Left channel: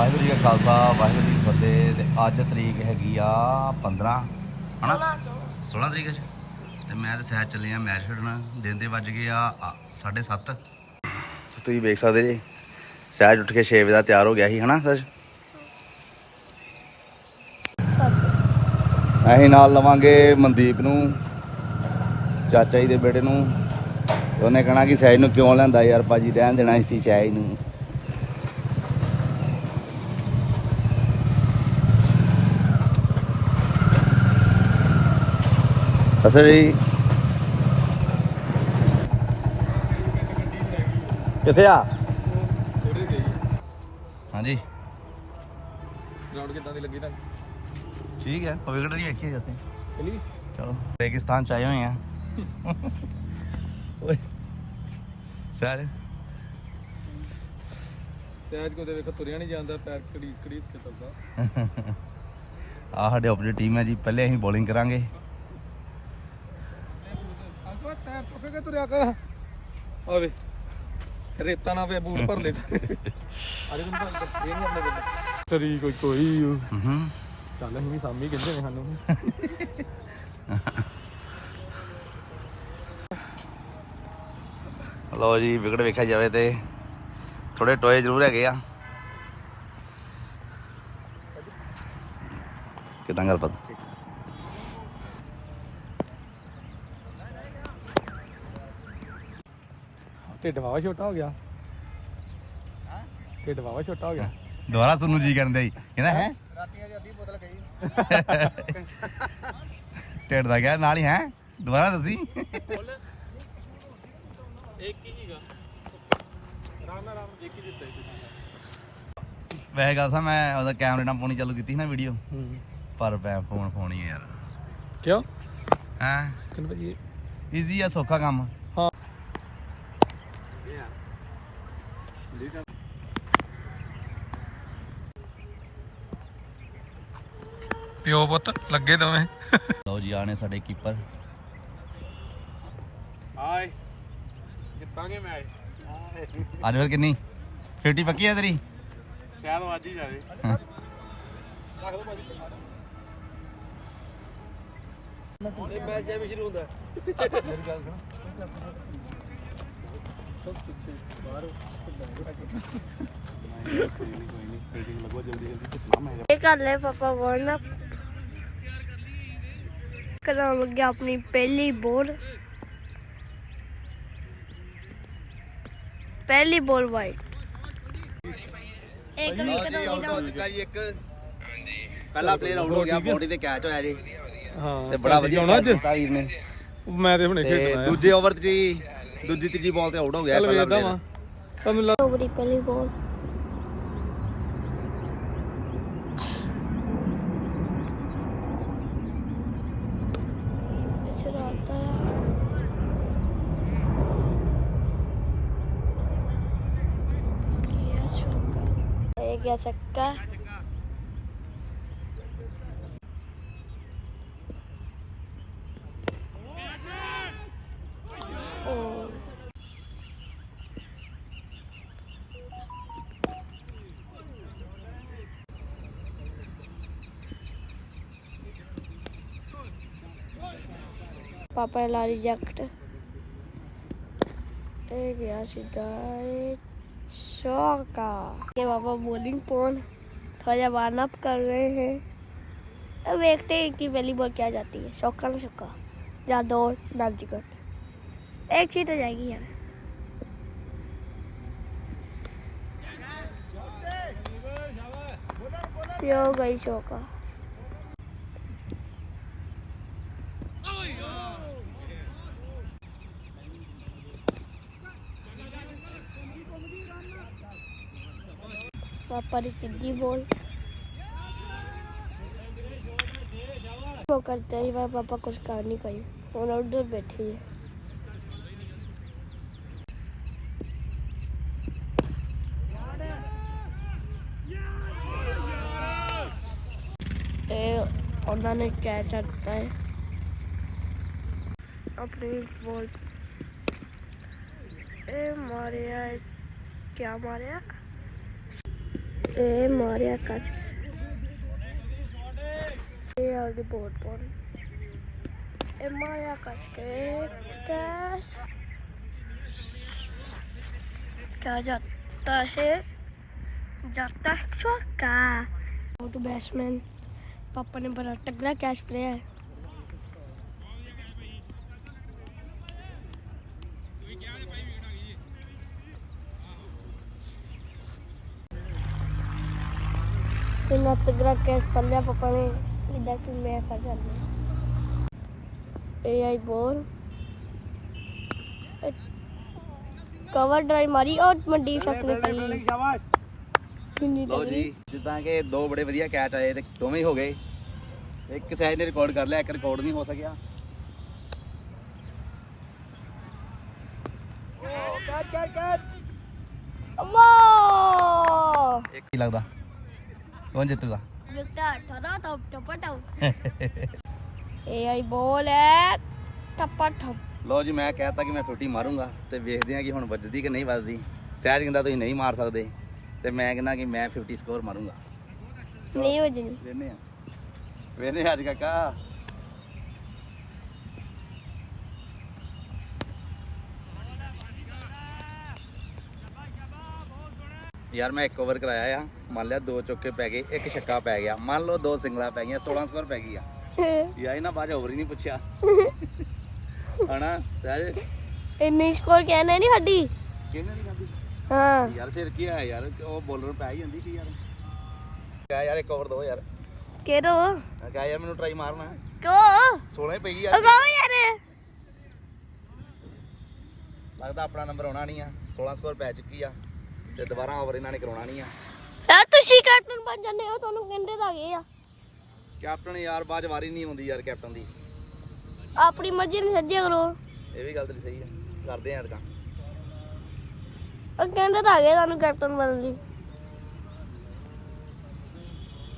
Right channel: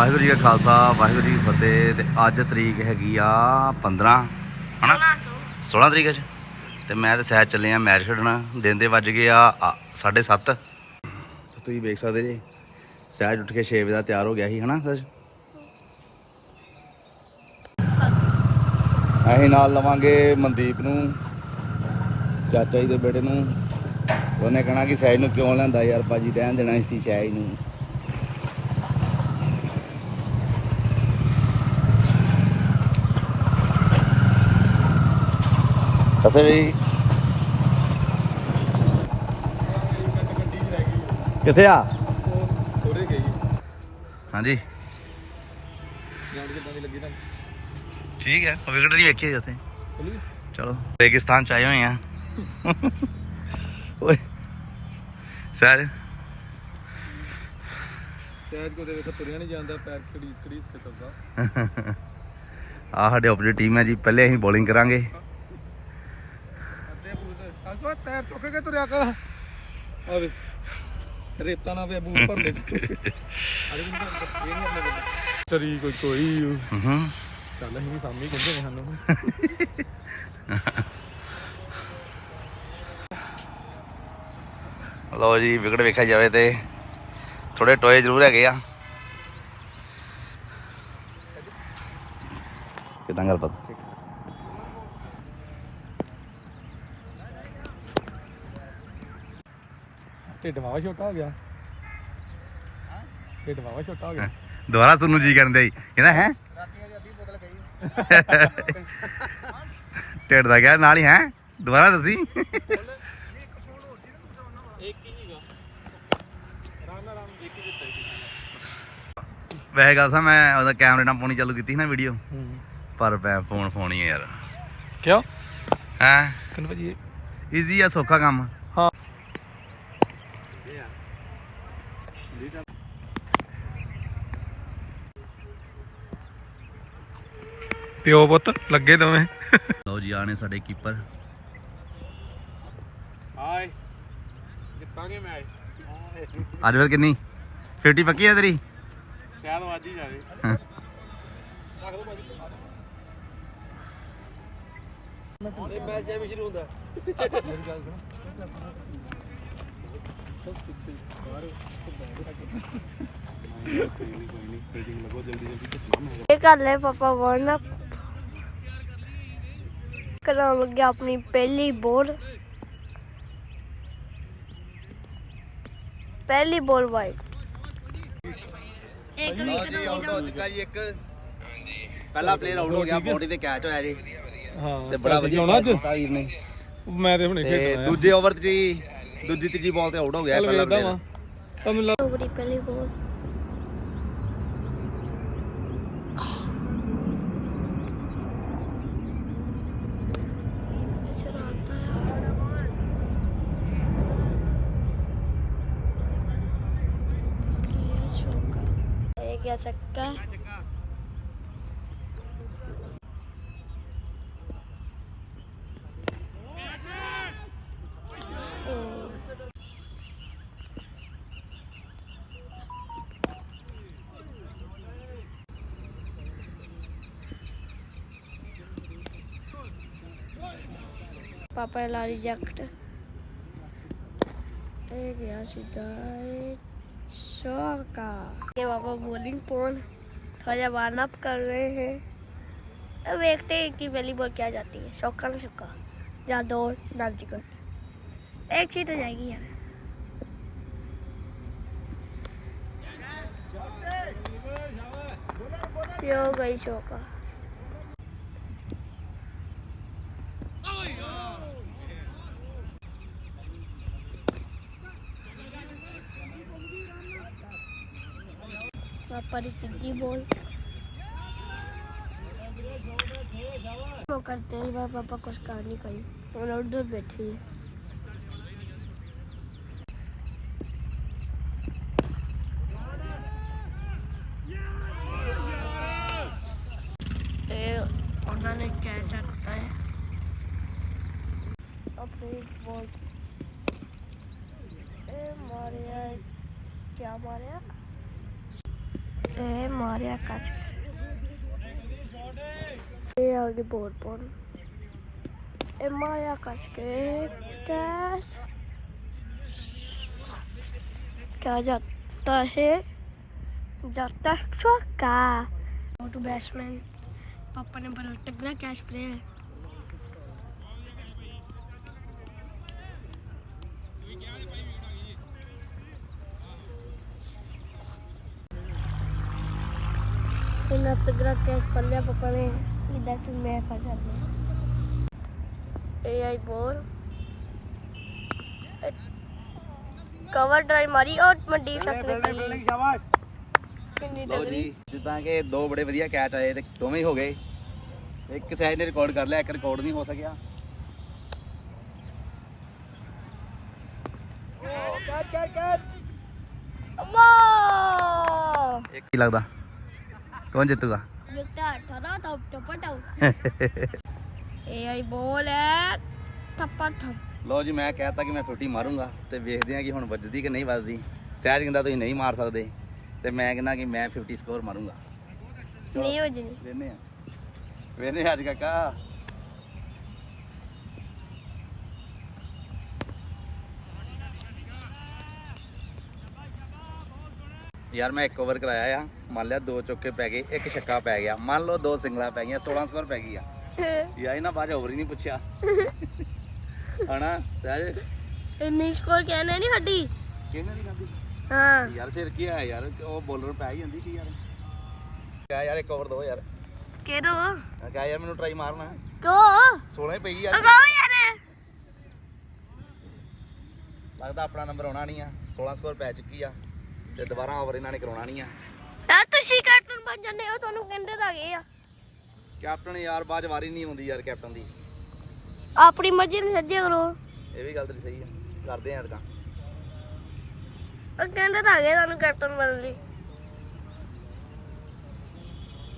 ਵਾਹਿਗੁਰੂ ਜੀ ਕਾ ਖਾਲਸਾ ਵਾਹਿਗੁਰੂ ਜੀ ਕੀ ਫਤਿਹ ਤੇ ਅੱਜ ਤਰੀਕ ਹੈਗੀ ਆ 15 ਹਨਾ? 16 ਤਰੀਕ ਅੱਜ। ਤੇ ਮੈਂ ਤੇ ਸਹਿਜ ਚੱਲੇ ਆ ਮੈਚ ਖੇਡਣ। ਦਿਨ ਦੇ ਵੱਜ ਗਏ ਆ 7:30 ਤੁਸੀਂ ਵੇਖ ਸਕਦੇ ਜੀ ਸਹਿਜ ਉੱਠ ਕੇ 6 ਵਜੇ ਦਾ ਤਿਆਰ ਹੋ ਗਿਆ ਸੀ ਹਨਾ ਸਹਿਜ ਅਸੀਂ ਨਾਲ ਲਵਾਂਗੇ ਮਨਦੀਪ ਨੂੰ ਚਾਚਾ ਜੀ ਦੇ ਬੇਟੇ ਨੂੰ। ਉਹਨੇ ਕਹਣਾ ਕਿ ਸਹਿਜ ਨੂੰ ਕਿਉਂ ਲੈਂਦਾ ਯਾਰ ਭਾਜੀ ਰਹਿਣ ਦੇਣਾ ਸੀ ਸਹਿਜ ਨੂੰ। ਜੀ। ਕਿੱਥੇ ਆ? ਥੋੜੇ ਗਈ ਹਾਂਜੀ। ਗਰਾਊਂਡ ਕਿੱਦਾਂ ਦੀ ਲੱਗੀ ਤਾਂ ਠੀਕ ਹੈ ਵਿਕਟ ਨਹੀਂ ਵੇਖੀ ਜਿੱਥੇ ਚਲੀ? ਚਲੋ ਰੇਗਿਸਤਾਨ ਚ ਆਏ ਹੋਏ ਆ। ਓਏ ਸਰ। ਸਹਿਜ ਕੋ ਦੇ ਵੇਖ ਤੁਰਿਆ ਨਹੀਂ ਜਾਂਦਾ ਪੈਰ ਕੜੀਸ ਕੜੀਸ ਕੇ ਚੱਲਦਾ। ਆ ਸਾਡੇ ਆਪਣੀ ਟੀਮ ਹੈ ਜੀ ਪਹਿਲੇ ਅਸੀਂ ਬੋਲਿੰਗ ਕਰਾਂਗੇ। ਪੈਰ ਚੁੱਕ ਕੇ ਤੁਰਿਆ ਕਰ। ਆਵੇ ਰੇਤਾ ਨਾ ਵੇ ਬੂਟ ਭਰ ਲੈ। ਅਰੇ ਮੈਨੂੰ ਭਰ ਇਹ ਨਹੀਂ ਆਪਣੇ ਕੋਲ ਤਰੀ ਕੋਈ ਕੋਈ। ਹੂੰ। ਚੱਲ ਅਸੀਂ ਨਹੀਂ ਸਾਮੀ ਕਹਿੰਦੇ ਨੇ ਸਾਨੂੰ। ਲਓ ਜੀ ਵਿਕਟ ਵੇਖਿਆ ਜਾਵੇ ਤੇ ਥੋੜੇ ਟੋਏ ਜ਼ਰੂਰ ਹੈਗੇ ਆ। ਕਿਦਾਂ ਗੱਲ ਪਤਾ? ਢਿੱਡ ਵਾਵਾ ਛੋਟਾ ਹੋ ਗਿਆ। ਹਾਂ? ਢਿੱਡ ਵਾਵਾ ਛੋਟਾ ਹੋ ਗਿਆ। ਦੁਬਾਰਾ ਤੁਹਾਨੂੰ ਜੀ ਕਰਨ ਦੇ ਕਹਿੰਦਾ ਹੈ? ਰਾਤੀਆਂ ਦੀ ਅੱਧੀ ਬੋਤਲ ਗਈ ਢਿੱਡ ਦਾ ਗਿਆ ਨਾਲ ਹੀ ਹੈ? ਦੁਬਾਰਾ ਦੱਸੀ। ਇੱਕ ਹੀ ਹੀਗਾ ਆਰਾਮ ਨਾਲ ਆਰਾਮ ਇੱਕ ਹੀ ਵੈਸੇ ਗੱਲ ਸਾ ਮੈਂ ਉਹਦਾ ਕੈਮਰੇ ਨਾਲ ਪਾਉਣੀ ਚਾਲੂ ਕੀਤੀ ਸੀ ਨਾ ਵੀਡੀਓ ਪਰ ਮੈਂ ਫੋਨ ਫੋਨ ਹੀ ਆ ਯਾਰ। ਕਿਉਂ? ਹੈ? ਕਿੰਨੇ ਵਜੇ? ਈਜ਼ੀ ਆ ਸੌਖਾ ਕੰਮ ਹਾਂ ਪਿਓ ਪੁੱਤ ਲੱਗੇ ਦੋਵੇਂ। ਲਓ ਜੀ ਆਣੇ ਸਾਡੇ ਕੀਪਰ ਹਾਏ ਜਿੱਤਾਂਗੇ ਮੈਚ ਅੱਜ ਫਿਰ ਕਿੰਨੀ? 50 ਪੱਕੀ ਆ ਤੇਰੀ? ਸ਼ਾਇਦ ਵੱਜ ਹੀ ਜਾਵੇ। ਇਹ ਮੈਚ ਐਵੇਂ ਸ਼ੁਰੂ ਹੁੰਦਾ। ਮੇਰੀ ਗੱਲ ਸੁਣ ਸਭ ਪਿੱਛੇ ਬਾਹਰ ਕੋਈ ਨਹੀਂ ਕੋਈ ਨਹੀਂ ਫੀਲਡਿੰਗ ਲਗੋ ਜਲਦੀ ਜਲਦੀ ਕਿਤਨਾ ਮੈਂ ਇਹ ਕਰ ਲੈ ਪਾਪਾ ਵਾਰਨ ਅਪ ਕਰਾਂ ਲੱਗਿਆ ਆਪਣੀ ਪਹਿਲੀ ਬੋਲ। ਪਹਿਲੀ ਬੋਲ ਵਾਈਡ ਲਓ ਜੀ ਆਊਟ ਹੋ ਚੁੱਕਾ ਜੀ ਇੱਕ ਪਹਿਲਾ ਪਲੇਅਰ ਆਊਟ ਹੋ ਗਿਆ ਬੌਡੀ ਤੇ ਕੈਚ ਹੋਇਆ ਜੀ। ਹਾਂ ਤੇ ਬੜਾ ਵਧੀਆ ਹੋਣਾ catch ਕੀਤਾ ਵੀਰ ਨੇ। ਮੈਂ ਤੇ ਹੁਣੇ ਤੇ ਖੇਡਣਾ ਦੂਜੇ ਓਵਰ 'ਚ ਜੀ ਦੂਜੀ ਤੀਜੀ ਬਾਲ ਤੇ ਆਊਟ ਹੋ ਗਿਆ ਇਹ ਪਹਿਲਾ ਪਲੇਅਰ ਤੁਹਾਨੂੰ ਲੱਗ ਓਵਰੀ ਪਹਿਲੀ ਬੋਲ ਇਸੇ ਰਾਤ ਆਇਆ क्या चौका पापा ला रिजेक्ट। And yeah, she ये पापा बॉलिंग पोन थोड़ा वार्न अप कर रहे हैं। अब देखते हैं कि पहली बॉल क्या जाती है। शौका ना चौका जादौर टिकट। एक चीज़ तो जाएगी यार। यो गई शौका परिचिति बोल। वो करते मेरे पापा कुछ कर नहीं कही और उधर बैठे हैं। उन्होंने कैसा है। अपनी बोल। ए, मारे क्या मारे ਮਾਰਿਆ ਕੱਸ ਇਹ ਆ ਗਈ ਬੋਟ ਪੌਣ ਇਹ ਮਾਰਿਆ ਕੱਸ ਕੇ ਕੈਸ क्या जाता है जाता है चौका टू बैट्समैन पापा ने बड़ा तगड़ा कैच किया ਰਾਤ ਗ੍ਰਾਹ ਕੈਸ ਪੱਲਿਆ ਪਾਪਾ ਇਦਾਂ ਕਿ ਮੈਂ ਫਸ ਜਾਂਦੀ ਏ ਆਈ ਬੋਲ ਕਵਰ ਡਰਾਈਵ ਮਾਰੀ। ਔਰ ਮੰਡੀ ਸ਼ਾਸ ਨੇ ਕੀ ਜੀ। ਜਿੱਦਾਂ ਕਿ ਦੋ ਬੜੇ ਵਧੀਆ ਕੈਚ ਆਏ ਤੇ ਦੋਵੇਂ ਹੀ ਹੋ ਗਏ। ਇੱਕ ਸੈਜ ਨੇ ਰਿਕਾਰਡ ਕਰ ਲਿਆ ਇੱਕ ਰਿਕਾਰਡ ਨਹੀਂ ਹੋ ਸਕਿਆ। ਕਰ ਲੱਗਦਾ? ਕੌਣ ਜਿੱਤੂਗਾ ਵਿਕਟਰ ਠਦਾ ਟਪ ਟਪ ਟਪ ਇਹ ਆਈ ਬੋਲ ਹੈ ਟੱਪਾ ਠੱਪ ਲਓ ਜੀ ਮੈਂ ਕਹਿਤਾ ਕਿ ਮੈਂ 50 ਮਾਰੂੰਗਾ ਤੇ ਵੇਖਦੇ ਹਾਂ ਕਿ ਹੁਣ ਵੱਜਦੀ ਕਿ ਨਹੀਂ ਵੱਜਦੀ ਸਹਿਜ ਕਹਿੰਦਾ ਤੁਸੀਂ ਨਹੀਂ ਮਾਰ ਸਕਦੇ ਤੇ ਮੈਂ ਕਹਿੰਦਾ ਕਿ ਮੈਂ 50 ਸਕੋਰ ਮਾਰੂੰਗਾ ਨਹੀਂ ਵਜਣੀ ਵੇਨੇ ਆ ਵੇਨੇ ਅੱਜ ਕਾਕਾ ਯਾਰ ਮੈਂ ਇੱਕ ਓਵਰ ਕਰਾਇਆ ਆ। ਮੰਨ ਲਿਆ ਦੋ ਚੌਕੇ ਪੈ ਗਏ ਇੱਕ ਛੱਕਾ ਪੈ ਗਿਆ। ਮੰਨ ਲਓ ਦੋ ਸਿੰਗਲਾਂ ਪੈ ਗਈਆਂ 16 ਸਕੋਰ ਪੈ ਗਈ ਆ। ਯਾਰ ਇਹਨਾਂ ਬਾਅਦ ਓਵਰ ਹੀ ਨਹੀਂ ਪੁੱਛਿਆ। ਹਣਾ ਸਹਿਜ ਇੰਨੀ ਸਕੋਰ ਕਹਿਣਾ ਨਹੀਂ ਸਾਡੀ? ਕਿਹਨੇ ਨਹੀਂ ਕਰਦੀ ਹਾਂ। ਯਾਰ ਫਿਰ ਕੀ ਆ ਯਾਰ? ਉਹ ਬੋਲਰ ਪੈ ਹੀ ਜਾਂਦੀ ਸੀ ਯਾਰ। ਕਿਆ ਯਾਰ ਇੱਕ ਓਵਰ ਦੋ ਯਾਰ। ਕਿਹਦੋ ਕਿਹਾ ਯਾਰ ਮੈਨੂੰ ਟਰਾਈ ਮਾਰਨਾ। ਕਿਉਂ? 16 ਹੀ ਪਈ ਯਾਰ। ਅਗਾਓ ਯਾਰ। ਲੱਗਦਾ ਆਪਣਾ ਨੰਬਰ ਆਉਣਾ ਨਹੀਂ ਆ। 16 ਸਕੋਰ ਪੈ ਚੁੱਕੀ ਆ। ਤੇ ਦੁਬਾਰਾ ਓਵਰ ਇਹਨਾਂ ਨੇ ਕਰਾਉਣਾ ਨਹੀਂ ਆ। ਯਾਰ ਤੁਸੀਂ ਕੈਪਟਨ ਬਣ ਜਾਂਦੇ ਹੋ ਤੁਹਾਨੂੰ ਕਹਿੰਦੇ ਤਾਂ ਗਏ ਆ। ਕੈਪਟਨ ਯਾਰ 'ਚ ਵਾਰੀ ਨਹੀਂ ਆਉਂਦੀ ਯਾਰ ਕੈਪਟਨ ਦੀ। ਆਪਣੀ ਮਰਜ਼ੀ ਨਾਲ ਸੱਜਿਆ ਕਰੋ। ਇਹ ਵੀ ਗੱਲ ਤੇਰੀ ਸਹੀ ਆ। ਕਰਦੇ ਆ ਅਦਕਾਂ ਉਹ ਕਹਿੰਦੇ ਤਾਂ ਗਏ ਤੁਹਾਨੂੰ ਕੈਪਟਨ ਬਣਨ ਲਈ।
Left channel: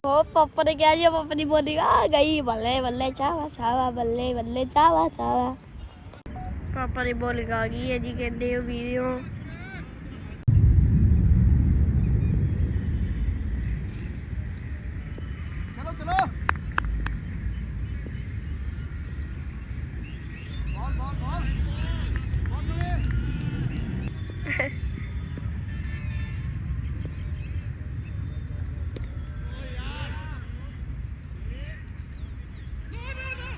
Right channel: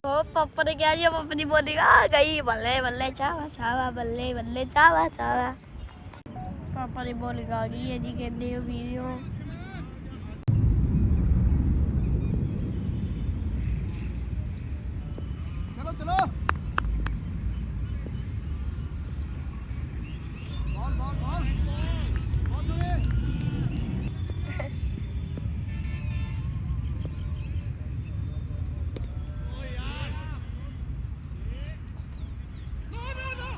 ਉਹ ਪਾਪਾ ਨੇ ਕਿਹਾ ਜੀ ਪਾਪਾ ਦੀ ਬੋਲੀ ਆ ਗਈ ਬੱਲੇ ਬੱਲੇ ਚਾਵਾ ਚਾਵਾ ਬੱਲੇ ਬੱਲੇ ਚਾਵਾ ਚਾਵਾ। ਪਾਪਾ ਦੀ ਬੋਲੀ ਆ ਗਈ ਹੈ ਜੀ ਕਹਿੰਦੇ ਉਹ ਵੀਡੀਓ ਚਲੋ ਚਲੋ ਬਾਲ ਬਾਲ ਬਾਲ ਬਾਲ ਚਲੇ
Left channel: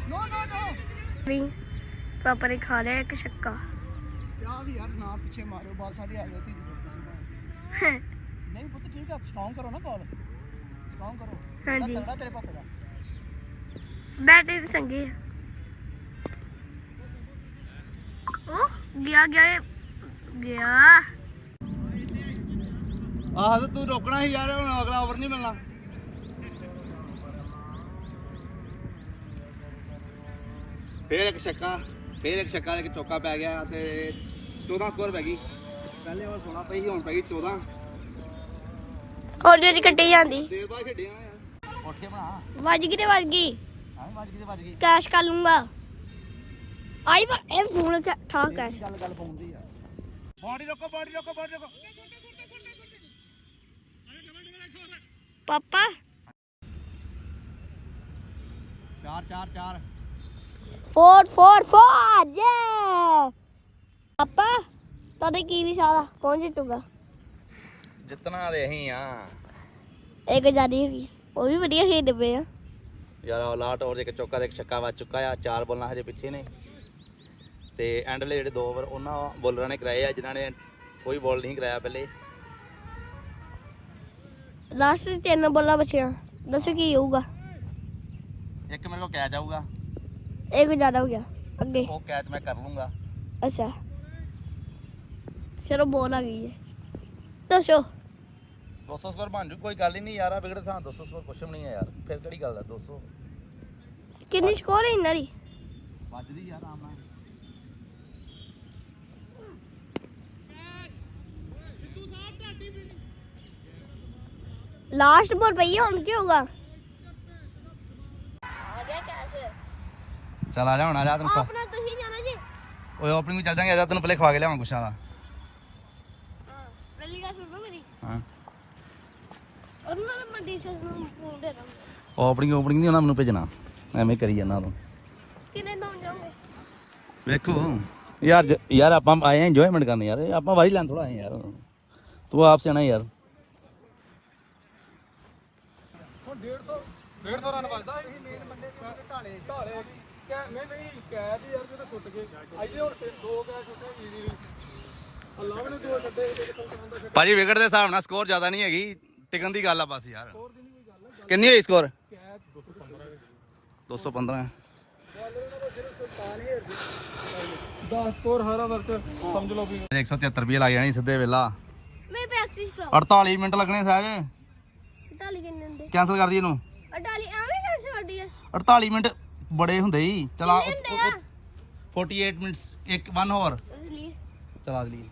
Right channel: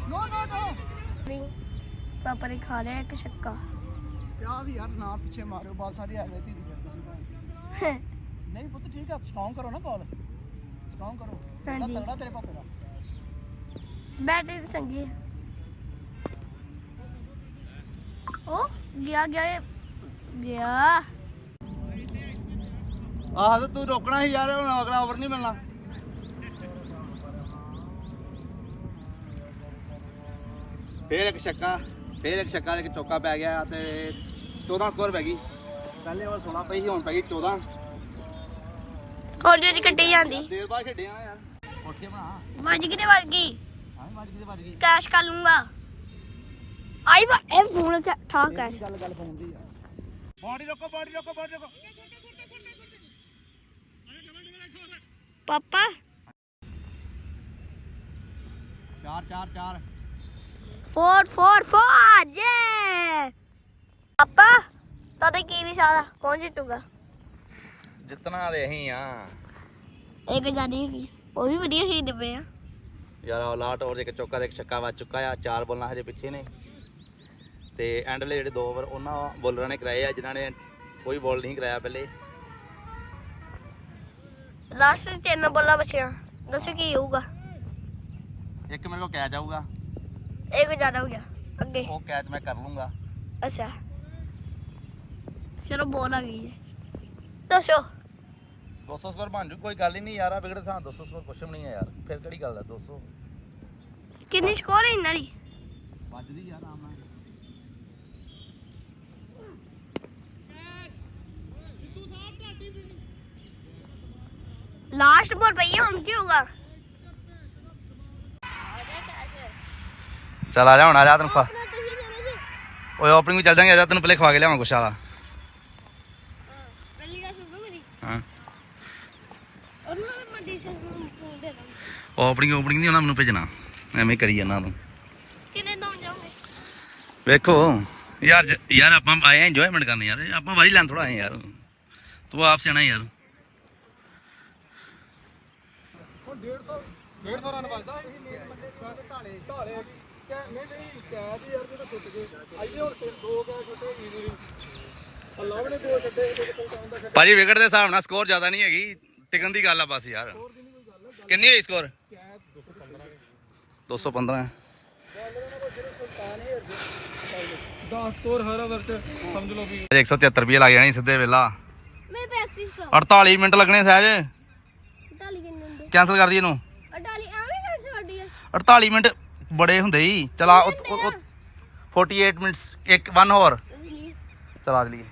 ਨੋ ਨੋ ਨੋ ਵੀ ਪਾਪਾ ਨੇ ਖਾ ਲਿਆ ਇੱਕ ਛੱਕਾ। ਯਾ ਵੀ ਯਾਰ ਨਾ ਪਿੱਛੇ ਮਾਰਿਓ ਬਾਲ ਸਾਰੇ ਆ ਗਏ ਧੀਰੇ ਨਹੀਂ ਪੁੱਤ ਠੀਕ ਆ ਸਟਰੋਂਗ ਕਰੋ ਨਾ ਕਾਲ ਸਟਰੋਂਗ ਕਰੋ। ਹਾਂਜੀ। ਤਗੜਾ ਤੇਰੇ ਪਾਪੇ ਦਾ। ਬੈਟਰੀ ਤੇ ਚੰਗੀ ਆ। ਉਹ ਗਿਆ ਗਿਆ ਇਹ। ਗਿਆ। ਆਹ ਤੇ ਤੂੰ ਰੋਕਣਾ ਸੀ ਯਾਰ ਹੁਣ ਅਗਲਾ ਓਵਰ ਨਹੀਂ ਮਿਲਣਾ। ਫੇਰ ਇੱਕ ਛੱਕਾ। ਫੇਰ ਇੱਕ ਛੱਕਾ ਇੱਕ ਚੌਕਾ ਪੈ ਗਿਆ ਤੇ 14 ਸਕੋਰ ਪੈ ਗਈ। ਪਹਿਲੇ ਓਵਰ 16 ਪਈ ਸੀ ਹੁਣ ਪੈ ਗਈ 14 ਹੌਲੀ ਹੌਲੀ ਕੱਟੀ ਜਾਂਦੀ। ਦੇਰ ਬਾਅਦ ਖੇਡਿਆ ਯਾਰ। ਉੱਠ ਕੇ ਬਣਾ। ਵੱਜ ਗਈ ਤੇ ਵੱਜ ਗਈ। ਹਾਂ ਵੱਜ ਗਈ ਤੇ ਵੱਜ ਗਈ। ਕੈਸ਼ ਕਰ ਲੂੰਗਾ। ਆਈ ਵਾ ਇਹ ਫੋਨ ਕਾ ਠਾ ਕੈਸ਼। ਗੱਲ ਗੱਲ ਫੋਨ ਦੀ ਆ। ਬਾਡੀ ਰੋਕੋ ਬਾਡੀ ਰੋਕੋ ਬਾਡੀ ਰੋਕੋ। ਪਾਪਾ। ਚਾਰ ਚਾਰ ਚਾਰ। ਫੋਰ ਫੋਰ ਫੋਰ ਜੇ ਪਾਪਾ ਤੁਹਾਡੇ ਕੀ ਵਿਚਾਰ ਆ? ਕੌਣ ਜਿੱਤੂਗਾ? ਜਿੱਤਣਾ ਤੇ ਅਸੀਂ ਆ। ਇੱਕ ਜਾਨੀ ਹੈਗੀ ਉਹ ਵੀ ਵਧੀਆ ਖੇਡਦੇ ਪਏ ਆ। ਯਾਰ ਲਾਟ ਓਵਰ ਇੱਕ ਚੌਕਾ ਤੇ ਇੱਕ ਛੱਕਾ ਵੱਜ ਚੁੱਕਾ ਆ। ਚਾਰ ਬੋਲਾਂ ਹਜੇ ਪਿੱਛੇ ਨੇ। ਤੇ ਐਂਡਲੇ ਜਿਹੜੇ ਦੋ ਓਵਰ ਉਹਨਾਂ ਬੋਲਰਾਂ ਨੇ ਕਰਾਏ ਆ ਜਿਨ੍ਹਾਂ ਨੇ ਕੋਈ ਬੋਲ ਨਹੀਂ ਕਰਾਇਆ ਪਹਿਲੇ। ਲਾਸਟ ਤਿੰਨ ਬੋਲਾਂ ਬਚੀਆਂ। ਦੱਸੋ ਕੀ ਹੋਊਗਾ? ਇੱਕ ਮੇਰੇ ਕੋਲ ਕੈਚ ਆਊਗਾ। ਇੱਕ ਜ਼ਿਆਦਾ ਹੋ ਗਿਆ ਅੱਗੇ ਉਹ ਕੈਚ ਮੈਂ ਕਰ ਲੂੰਗਾ ਅੱਛਾ ਚਲੋ ਬੋਲ ਆ ਗਈ ਹੈ ਦੱਸੋ 200 ਸਕੋਰ ਬਣ ਜੂ ਕੋਈ ਗੱਲ ਹੀ ਨਹੀਂ ਯਾਰ ਆ ਵਿਗੜੇ ਥਾਂ 200 ਸਕੋਰ ਕੁਛ ਵੀ ਨਹੀਂ ਹੈ ਯਾਰ ਫਿਰ ਕਿਹੜੀ ਗੱਲ ਦਾ 200 ਕਿੰਨੀ ਸਕੋਰ ਹੈ ਇਹਨਾਂ ਦੀ ਵੱਜਦੀ ਯਾਰ ਆਮ ਨਾਲ ਲਾਸਟ ਬੋਲ ਪਈ ਹੈ ਹੁਣ ਕੀ ਹੋਊਗਾ ਆ ਗਿਆ ਕੈਸ਼ ਚੱਲ ਆ ਜਾ ਹੁਣ ਆ ਜਾ ਤੈਨੂੰ ਖਵਾ ਆਪਣਾ ਤੁਸੀਂ ਜਾਣਾ ਜੀ। ਓਏ ਓਪਨਿੰਗ ਵੀ ਚੱਲ ਜਾਂਗੇ ਆ ਜਾ ਤੈਨੂੰ ਪਹਿਲੇ ਖਵਾ ਕੇ ਲਿਆਵਾਂ ਕੁਛ ਆਲਾ ਹਾਂ ਪਹਿਲੀ ਗੱਲ ਸੁਣੋ ਮੇਰੀ। ਹਾਂ। ਉਹਨਾਂ ਨੇ ਮੰਡੀ ਚ ਨੂੰ ਫੋਨ ਦੇ ਦਾਂ ਓਪਨਿੰਗ ਓਪਨਿੰਗ ਨਹੀਂ ਉਹਨਾਂ ਮੈਨੂੰ ਭੇਜਣਾ। ਐਵੇਂ ਕਰੀ ਜਾਂਦਾ ਤੂੰ। ਕਿੰਨੇ ਦੋ ਜਾਓਗੇ ਵੇਖੋ ਯਾਰ ਜ- ਯਾਰ ਆਪਾਂ ਆਏ ਇੰਜੋਇਮੈਂਟ ਕਰਨ ਯਾਰ। ਆਪਾਂ ਵਾਰੀ ਲੈਣ ਥੋੜਾ ਆਏ ਯਾਰ। ਤੂੰ ਆਪ ਸਿਆਣਾ ਯਾਰ। ਹੁਣ 150 150 ਰਨ ਵੱਜਦਾ ਇਹ ਮੇਨ ਬੰਦੇ ਢਾਲੇ ਢਾਲੇ ਕੈ ਨਹੀਂ ਨਹੀਂ ਕੈਚ ਯਾਰ ਜਦੋਂ ਸੁੱਟ ਗਏ। ਆਈਏ ਹੁਣ ਤਿੰਨ ਦੋ ਕੈਚ ਸੁੱਟੇ ਈਜ਼ੀ ਅੱਲਾ ਵੀ ਨੇ ਦੋ ਛੱਡੇ ਇੱਕ ਕਲਟਾਂ ਦਾ ਭਾਜੀ ਵਿਕਟ ਦੇ ਹਿਸਾਬ ਨਾਲ ਸਕੋਰ ਜ਼ਿਆਦਾ ਨਹੀਂ ਹੈਗੀ। ਟਿਕਣ ਦੀ ਗੱਲ ਆ ਬਸ ਯਾਰ। ਕਿੰਨੀ ਹੋਈ ਸਕੋਰ ਕੈਚ 215 215 10 ਸਕੋਰ ਹਰ ਓਵਰ ਚ ਸਮਝ ਲਓ ਵੀ। 173 ਰੁਪਏ ਲੱਗ ਜਾਣੀ ਸਿੱਧੇ ਵੇਲਾ। ਮੈਂ ਪ੍ਰੈਕਟਿਸ ਕਰਾਂ 48 ਮਿੰਟ ਲੱਗਣੇ ਸਹਿਜ। ਡਾਲੀ ਕਿੰਨੇ ਹੁੰਦੇ? ਕੈਨਸਲ ਕਰ ਦਈਏ ਇਹਨੂੰ। ਆ ਡਾਲੀ ਐਵੇਂ ਕਰ ਛੱਡੀ ਆ। 48 ਮਿੰਟ ਬੜੇ ਹੁੰਦੇ ਹੀ ਚਲਾ ਕਿੰਨੇ ਹੁੰਦੇ ਆ? 48 ਮਿੰਟਸ ਇੱਕ 1 ਹੋਰ। ਚਲਾ ਦਈਏ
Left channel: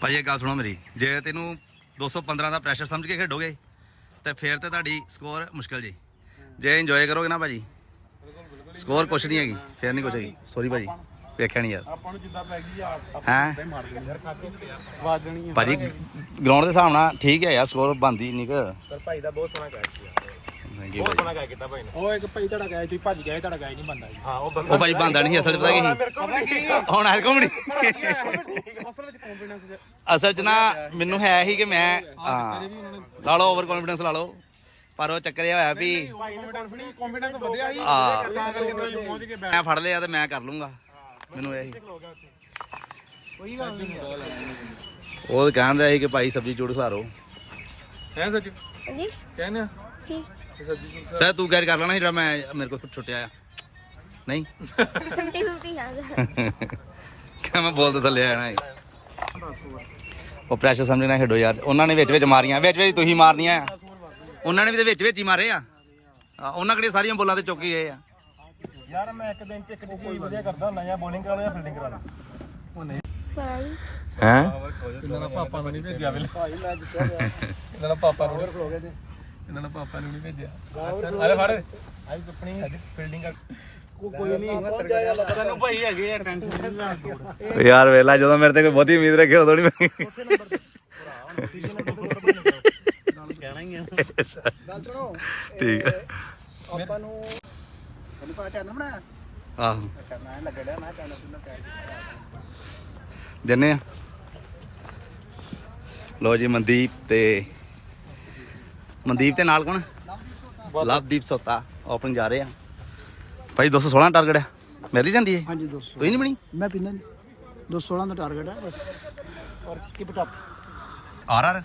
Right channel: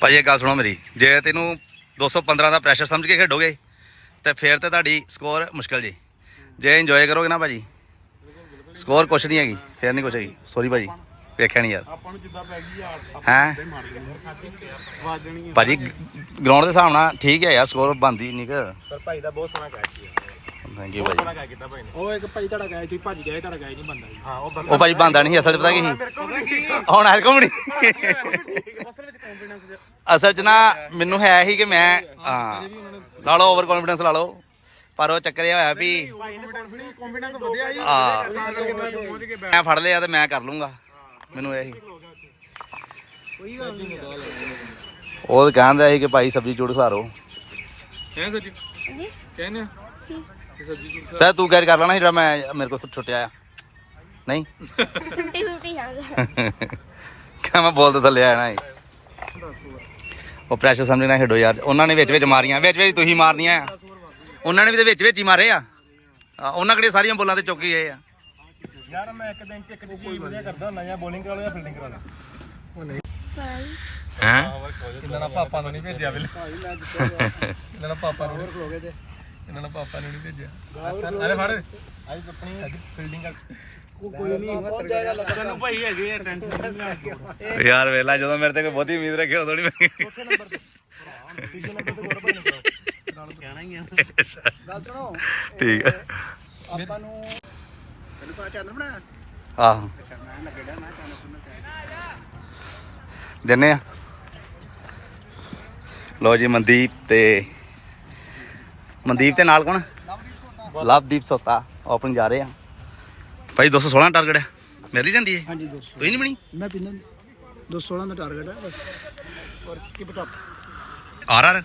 ਭਾਈ ਇਹ ਗੱਲ ਸੁਣੋ ਮੇਰੀ। ਜੇ ਤੈਨੂੰ 215 ਦਾ ਪ੍ਰੈਸ਼ਰ ਸਮਝ ਕੇ ਖੇਡੋਗੇ ਤੇ ਫੇਰ ਤੇ ਤੁਹਾਡੀ ਸਕੋਰ ਮੁਸ਼ਕਲ ਜੀ। ਜੇ ਇੰਜੋਏ ਕਰੋਗੇ ਨਾ ਭਾਜੀ ਸਕੋਰ ਕੁਛ ਨਹੀਂ ਹੈਗੀ ਫੇਰ ਨਹੀਂ ਕੁਛ ਹੈਗੀ। ਸੌਰੀ ਭਾਜੀ ਵੇਖਿਆ ਨਹੀਂ ਯਾਰ। ਆਪਾਂ ਨੂੰ ਜਿੱਦਾਂ ਪੈ ਗਈ ਆ ਹੈ? ਮਾਰ ਦੇਣੀ ਯਾਰ ਖਾਦੀ ਵਾਜ ਦੇਣੀ ਭਾਜੀ ਗਰਾਊਂਡ ਦੇ ਹਿਸਾਬ ਨਾਲ ਠੀਕ ਹੈ ਯਾਰ ਸਕੋਰ ਬੰਦੀ ਨਹੀਂ ਕਿ। ਪਰ ਭਾਈ ਦਾ ਬਹੁਤ ਸੋਹਣਾ ਕੈਚ ਸੀ ਥੈਂਕ ਯੂ ਭਾਜੀ ਗਾ ਕੀਤਾ ਭਾਈ ਨੇ। ਉਹ ਇੱਕ ਭਾਈ ਤੁਹਾਡਾ ਗਾਇ ਤੁਸੀਂ ਭੱਜ ਗਏ ਤੁਹਾਡਾ ਗਾਇ ਨਹੀਂ ਬੰਦਾ ਜੀ। ਹਾਂ ਉਹ ਉਹ ਭਾਜੀ ਬੰਦਾ ਨਹੀਂ ਅਸਲ 'ਚ ਪਤਾ ਕੀ ਸੀ? ਹੁਣ ਹਰ ਘੁੰਮਣੀ ਅਸਲ ਵਿੱਚ ਕੰਫੀਡੈਂਸ ਅਸਲ 'ਚ ਨਾ ਮੈਨੂੰ ਹੈ ਹੀ ਕਿ ਮੈਂ ਹਾਂ। ਲਾ ਲਓ ਓਵਰ ਕੌਨਫੀਡੈਂਸ ਲਾ ਲਓ। ਪਰ ਉਹ ਚੱਕਰ ਇਹ ਹੋਇਆ ਵੀ ਭਾਈ ਨੇ ਕੰਫੀਡੈਂਸ ਕੰਫੀਡੈਂਸ ਵਧਿਆ ਜੀ। ਆ ਤਾਂ ਕਰਕੇ ਤਾਂ ਪਹੁੰਚ ਕੇ ਮੈਂ ਫੜ ਲਿਆ ਤੇ ਮੈਂ ਕਰ ਲੂੰਗਾ। ਮੈਨੂੰ ਇਹ ਸੀ। ਕੋਈ ਗੱਲ ਨਹੀਂ। ਉਹ ਕਹਿੰਦਾ ਸੀ ਕਿ ਭਾਈ ਸਬਜ਼ੀ ਚੂੜ ਕਹਿ ਸੱਚੀ ਹਾਂਜੀ। ਕਹਿੰਦੇ ਸਰ ਤੂੰ ਕੈਰ ਕਰ ਲੈਣਾ ਸੀ ਜਿਹੜਾ ਮੈਂ ਮੇਰੇ ਕੋਲ ਛੁੱਟਿਆ ਆ। ਨਹੀਂ? 50 50 ਹਾਂ ਕਿ ਮੈਂ ਬੋਲ ਤੇ ਥੱਲੇ ਨਾ ਉਹ ਪ੍ਰੈਸ਼ਰ ਸਮਝਣਾ ਖੇਡੋ ਯਾਰ। ਉਹਨਾਂ ਨੇ ਵਿੱਚ ਵਿੱਚ ਮਾਰੀਆਂ। ਵਿੱਚ ਵਿੱਚ ਤੁਸੀਂ ਮਾਰਨੀਆਂ ਆ। ਉਹਨਾਂ ਨੇ ਵੀ ਤੇ ਵਿੱਚ ਵਿੱਚ ਹੀ ਮਾਰੇ ਆ। ਆ, ਉਹਨਾਂ ਕਿਹੜੇ ਸਾਰੀਆਂ ਬੋਲਾਂ ਤੇ ਚੁੱਕ ਗਏ ਆ। ਯਾਰ ਮੈਂ ਇੱਕ ਦਿਨ ਚ ਇੱਕ ਚੀਜ਼ ਵਧੀਆ ਕਰਦਾ ਹੁੰਦਾ ਜਾਂ ਬੋਲਿੰਗ ਕਰਾ ਲਓ ਜਾਂ ਫੀਲਡਿੰਗ ਕਰਾ ਲਾਂ ਉਹ ਨਹੀਂ ਹੈ? ਇਹਨਾਂ ਨਾਲ ਪਾਪਾ ਨੂੰ ਨਹੀਂ ਭੇਜਿਆ ਵੇਲੇ। ਇਹਨਾਂ ਨਾਲ ਪਾਪਾ ਨੂੰ। ਇਹਨਾਂ ਨਾਲ ਪਾਪਾ ਨੂੰ ਨਹੀਂ ਭੇਜਿਆ। ਅਰੇ ਫੜ। ਅੱਜ ਆਪਣੀ ਸਾਡੀ ਫੀਲਡਿੰਗ ਕਰ ਕੋਈ ਨਹੀਂ ਪਹੁੰਚ ਜਾਏਗਾ ਲੱਗਦਾ ਭਾਈ ਹੈਗੇ ਆ ਟੈਨਸ਼ਨ ਯਾਰ ਵੇਲਾ ਜਦੋਂ ਮੇਰੇ ਤੇ ਕੋਈ ਬਹੁਤੀ ਉਮੀਦ ਰੱਖੇ ਉਦੋਂ ਨਹੀਂ ਕਹਿਣਾ ਹੀ ਆ ਗੱਲ ਸੁਣੋ ਠੀਕ ਹੈ ਆਪਾਂ ਨੂੰ ਇਹਨੂੰ ਪਤਾ ਚੱਲਦਾ ਬਣਾ ਆਹੋ। ਅੱਛਾ ਮੈਂ ਲੱਗੇਗਾ ਮੈਂ ਤੁਹਾਨੂੰ ਸੁਣਨਾ ਕਹਿ ਦਿੰਨੇ ਆ। ਲੋ ਜੀ ਮਨਦੀਪ ਤੇ ਮਨਦੀਪ ਤੇ ਨਾਲ ਕੌਣ? ਲਵਦੀਪ ਸੋਤਾ ਓਪਨ ਜਾ ਰਹੇ ਆ। ਭਾਈ 216 ਟਾਰਗੇਟ ਹੈ ਮੇਰੇ ਲਈ ਜਾਂਦੀ ਹੈ ਹਾਂਜੀ ਤੁਸੀਂ ਨਹੀਂ ਬਣੀ? ਮੈਂ ਪਿੰਨਾਂ 216 ਦਾ ਟਾਰਗੇਟ ਹੈ ਬਸ। ਔਰ keep it up R R?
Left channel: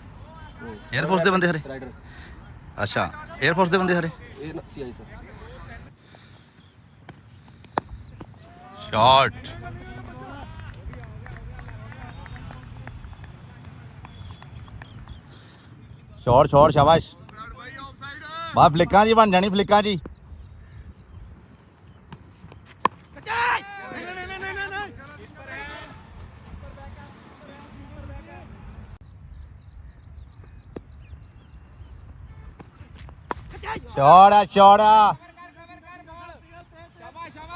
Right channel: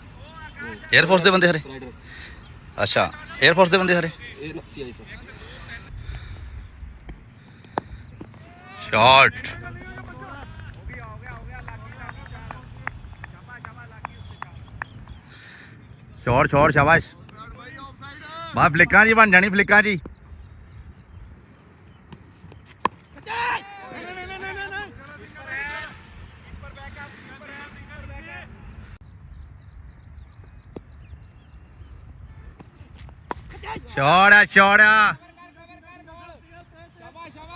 Air force ਦੇ ਬੰਦੇ ਹਰੇ ਅੱਛਾ 에ਅਰ ਫੋਰਸ ਦੇ ਬੰਦੇ ਹਰੇ ਇਹ CI sir. Shot shot shot ਸ਼ਾਬਾਸ਼। ਬਾ ਫਲਿੱਕਾਂ ਜੀ ਬਣ ਜਾਣੀ, ਫਲਿੱਕਾਂ ਜੀ ਸ਼ਾਟ ਆ ਸ਼ਾਟ ਆ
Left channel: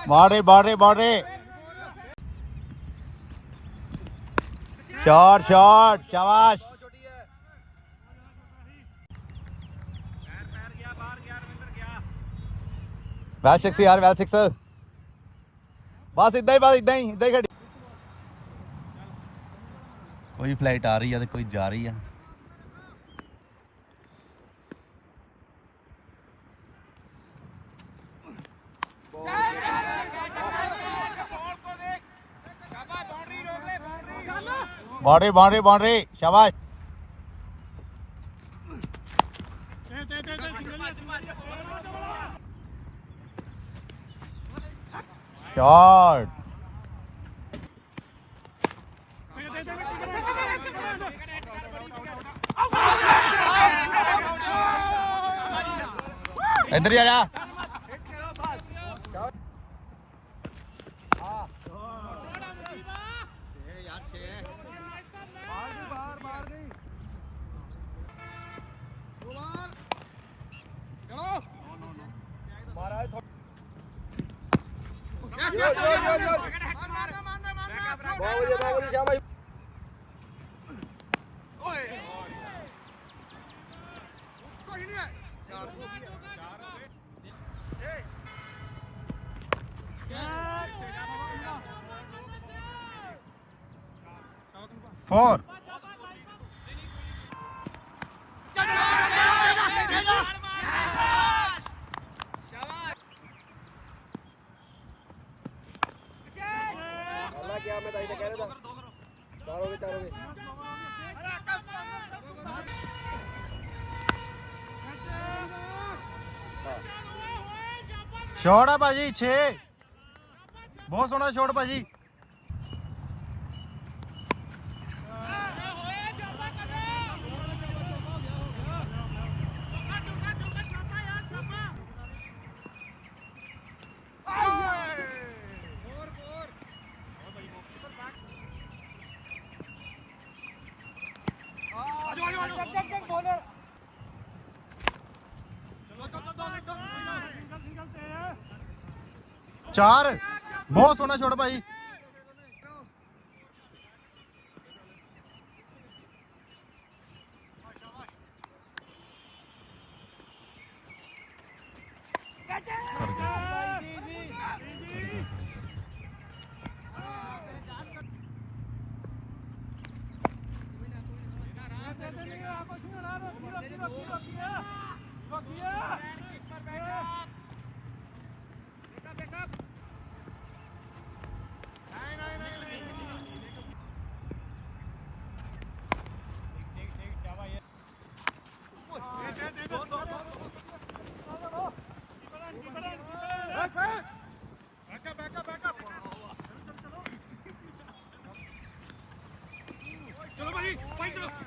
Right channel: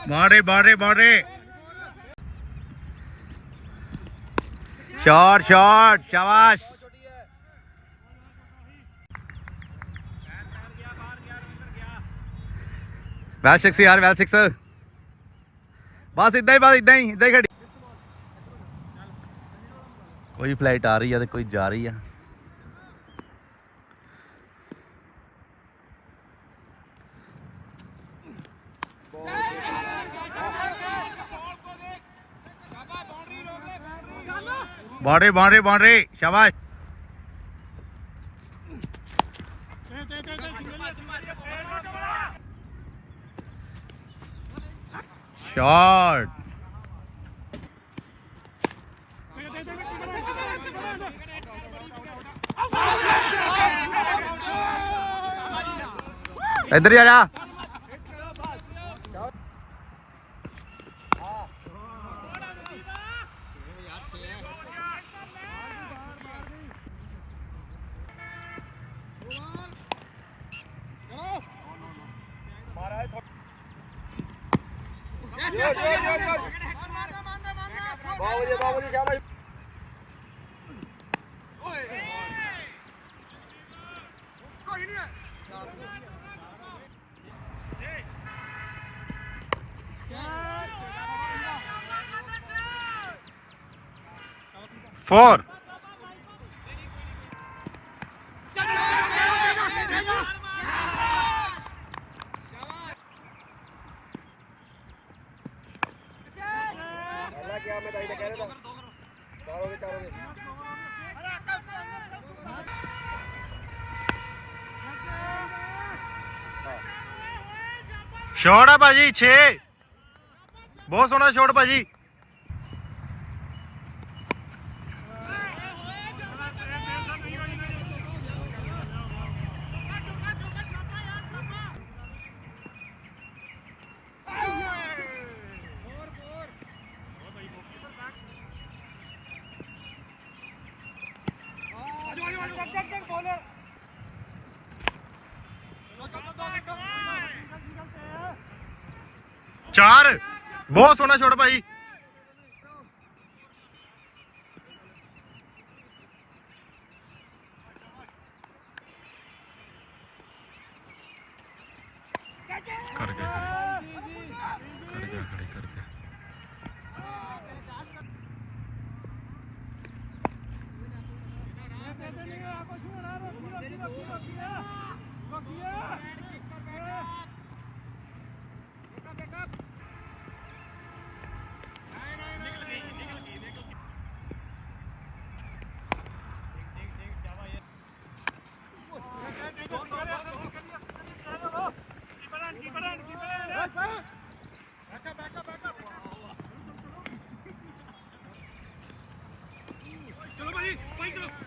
ਬਾੜੇ ਬਾੜੇ ਬਾੜੇ ਸ਼ਾਟ ਸ਼ਾਟ ਸ਼ਾਬਾਸ਼। ਵੈਲ ਸਿਕਸ ਯਾਰ ਵੈਲ ਸਿਕਸ ਬਸ ਇਦਾਂ ਹੀ ਬਸ ਇਦਾਂ ਹੀ ਇਦਾਂ ਹੀ ਖੜੀ ਕੋਈ ਫਲਾਈਟ ਆ ਰਹੀ ਆ ਤੇ ਕੋਈ ਜਾ ਰਹੀ ਆ ਬਾਉਂਡਰੀ ਬਾਉਂਡਰੀ ਬਾਉਂਡਰੀ ਸ਼ਾਬਾਸ਼ ਸ਼ਾਟ ਇੱਧਰ ਆ ਜਾ। Four. ਸ਼ਾਟ ਆ ਭਾਜੀ 6 ਬਹੁਤ ਸੋਹਣਾ ਸ਼ਾਟ ਭਾਜੀ। ਚਾਰ। ਬਹੁਤ ਸੋਹਣਾ ਸ਼ਾਟ ਭਾਈ। 立正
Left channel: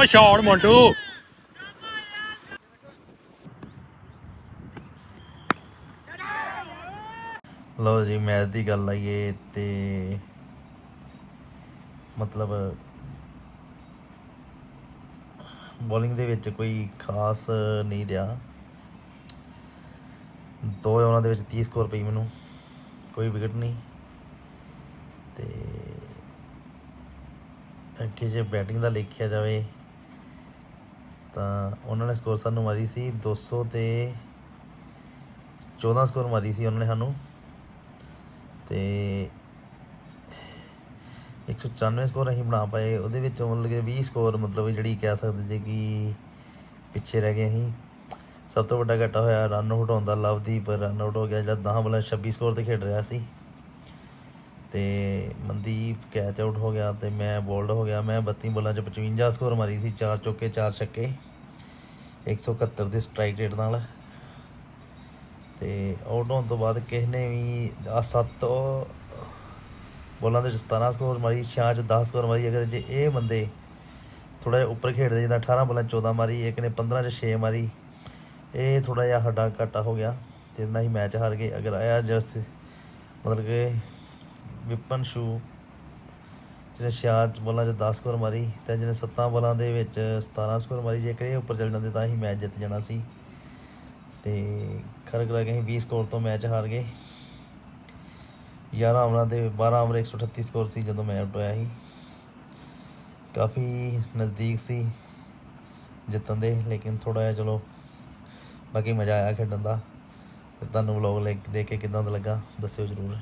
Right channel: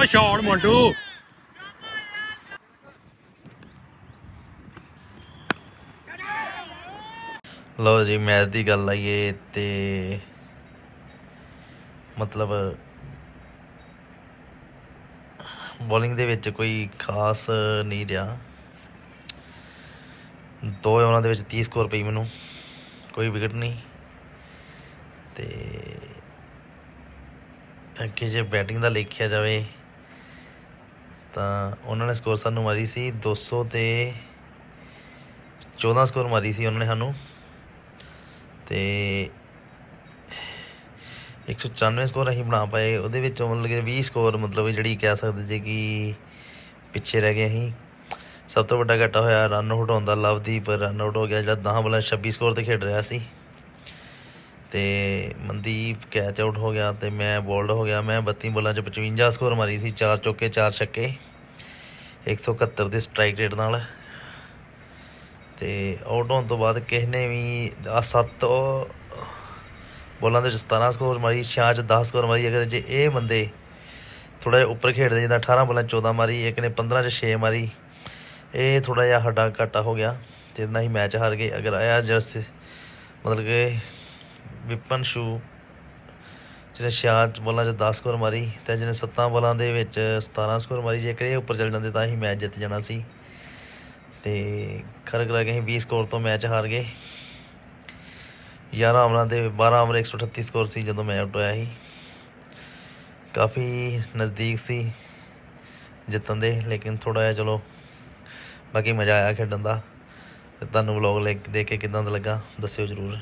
ਓ ਸ਼ਾਟ ਮੋਂਟੂ। ਲਓ ਜੀ, ਮੈਚ ਦੀ ਗੱਲ ਆਈਏ ਤੇ ਮਤਲਬ ਬੋਲਿੰਗ ਦੇ ਵਿੱਚ ਕੋਈ ਖਾਸ ਨਹੀਂ ਰਿਹਾ। ਦੋ ਉਹਨਾਂ ਦੇ ਵਿੱਚ 30 ਸਕੋਰ ਪਈ ਮੈਨੂੰ, ਕੋਈ ਵਿਕਟ ਨਹੀਂ। ਤੇ ਅੱਗੇ ਜੇ ਬੈਟਿੰਗ ਦਾ ਦੇਖਿਆ ਜਾਵੇ ਤਾਂ ਉਹਨਾਂ ਨੇ ਸਕੋਰ ਸਾਨੂੰ ਮਾਰੀ ਸੀ 200 ਤੇ 14 ਸਕੋਰ ਮਾਰੀ ਸੀ ਉਹਨਾਂ ਨੇ ਸਾਨੂੰ। ਤੇ 194 ਸਕੋਰ ਅਸੀਂ ਬਣਾ ਪਾਏ, ਉਹਦੇ ਵਿੱਚੋਂ ਮਤਲਬ ਕਿ 20 ਸਕੋਰ ਮਤਲਬ ਜਿਹੜੀ ਕਹਿ ਸਕਦੇ ਜੇ ਕਿ ਪਿੱਛੇ ਰਹਿ ਗਏ ਅਸੀਂ। ਸਭ ਤੋਂ ਵੱਡਾ ਘਾਟਾ ਹੋਇਆ ਰਨ ਆਊਟ ਹੋਣ ਦਾ, ਲਵਦੀਪ ਰਨ ਆਊਟ ਹੋ ਗਿਆ, ਜਿਹੜਾ 10 ਬਲਾਂ 26 ਸਕੋਰ ਤੇ ਖੇਡ ਰਿਹਾ ਸੀ। ਤੇ ਮਨਦੀਪ ਕੈਚ ਆਊਟ ਹੋ ਗਿਆ ਤੇ ਮੈਂ ਬੋਲਡ ਹੋ ਗਿਆ। ਮੈਂ 32 ਬੋਲਾਂ ਚ 55 ਸਕੋਰ ਮਾਰੀ ਸੀ, ਚਾਰ ਚੌਕੇ, ਚਾਰ ਛੱਕੇ। 171 ਦੇ ਸਟ੍ਰਾਈਕ ਰੇਟ ਨਾਲ। ਤੇ ਆਊਟ ਹੋਣ ਤੋਂ ਬਾਅਦ ਕਿਸ ਨੇ ਵੀ ਆ ਸੱਤ ਬੋਲਾਂ ਦੇ ਵਿੱਚ 17 ਸਕੋਰ ਮਾਰੀ ਛਿਆਂ ਚ 10 ਸਕੋਰ ਮਾਰੀ। ਅਗਰ ਜੇ ਇਹ ਬੰਦੇ ਥੋੜਾ ਜਿਹਾ ਉੱਪਰ ਖੇਡਦੇ ਜਿੱਦਾਂ 18 ਬੋਲਾਂ 'ਚ 14 ਮਾਰੀ, ਇੱਕ ਨੇ 15 ਚ 6 ਮਾਰੀ, ਇਹ ਥੋੜਾ ਜਿਹਾ ਸਾਡਾ ਘਾਟਾ ਹੋ ਗਿਆ ਤੇ ਇਹਦੇ ਨਾਲ ਹੀ ਮੈਚ ਹਾਰ ਗਏ। ਅਗਰ ਆਇਆ ਜਰਸ, ਮਤਲਬ ਕਿ ਵਿਪਨ ਸ਼ੂ, ਜਿਹਨੇ ਛਿਆਂ ਚ ਬੋਲਾਂ 'ਚ 10 ਸਕੋਰ ਮਾਰੀ ਤੇ ਜਿਹਨੇ 7 ਬੋਲਾਂ ਦੇ ਵਿੱਚ 17 ਸਕੋਰ ਮਾਰੀ, ਜੇਕਰ ਇਹ ਉੱਪਰ ਚੱਲ ਜਾਂਦੇ ਤਾਂ ਹੀ ਮੈਚ ਜਿੱਤ ਜਾਣਾ ਸੀ। ਤੇ ਖਰ ਕਰਾ ਕੇ ਅਸੀਂ 20 ਸਕੋਰ ਤੋਂ ਮੈਚ ਹਾਰ ਗਏ। 11 ਓਵਰਾਂ ਦੇ 12 ਓਵਰ 138 ਸਕੋਰ ਸੀ ਜਦੋਂ ਮੈਚ ਆਊਟ ਹੋਇਆ ਸੀ। ਕਾਫੀ ਨਜ਼ਦੀਕ ਸੀ ਜਿੱਤਣ ਦੇ, ਲੇਕਿਨ ਥੋੜਾ ਜਿਹਾ ਚਲੋ ਬਾਕੀ ਮਜ਼ਾ ਆਇਆ ਖੇਡਣ ਦਾ। ਤੇ ਤੁਹਾਨੂੰ ਵਲੌਗ ਦੇਖ ਕੇ ਕਿਦਾਂ ਦਾ ਲੱਗਾ, ਦੱਸਿਓ ਜਰੂਰ।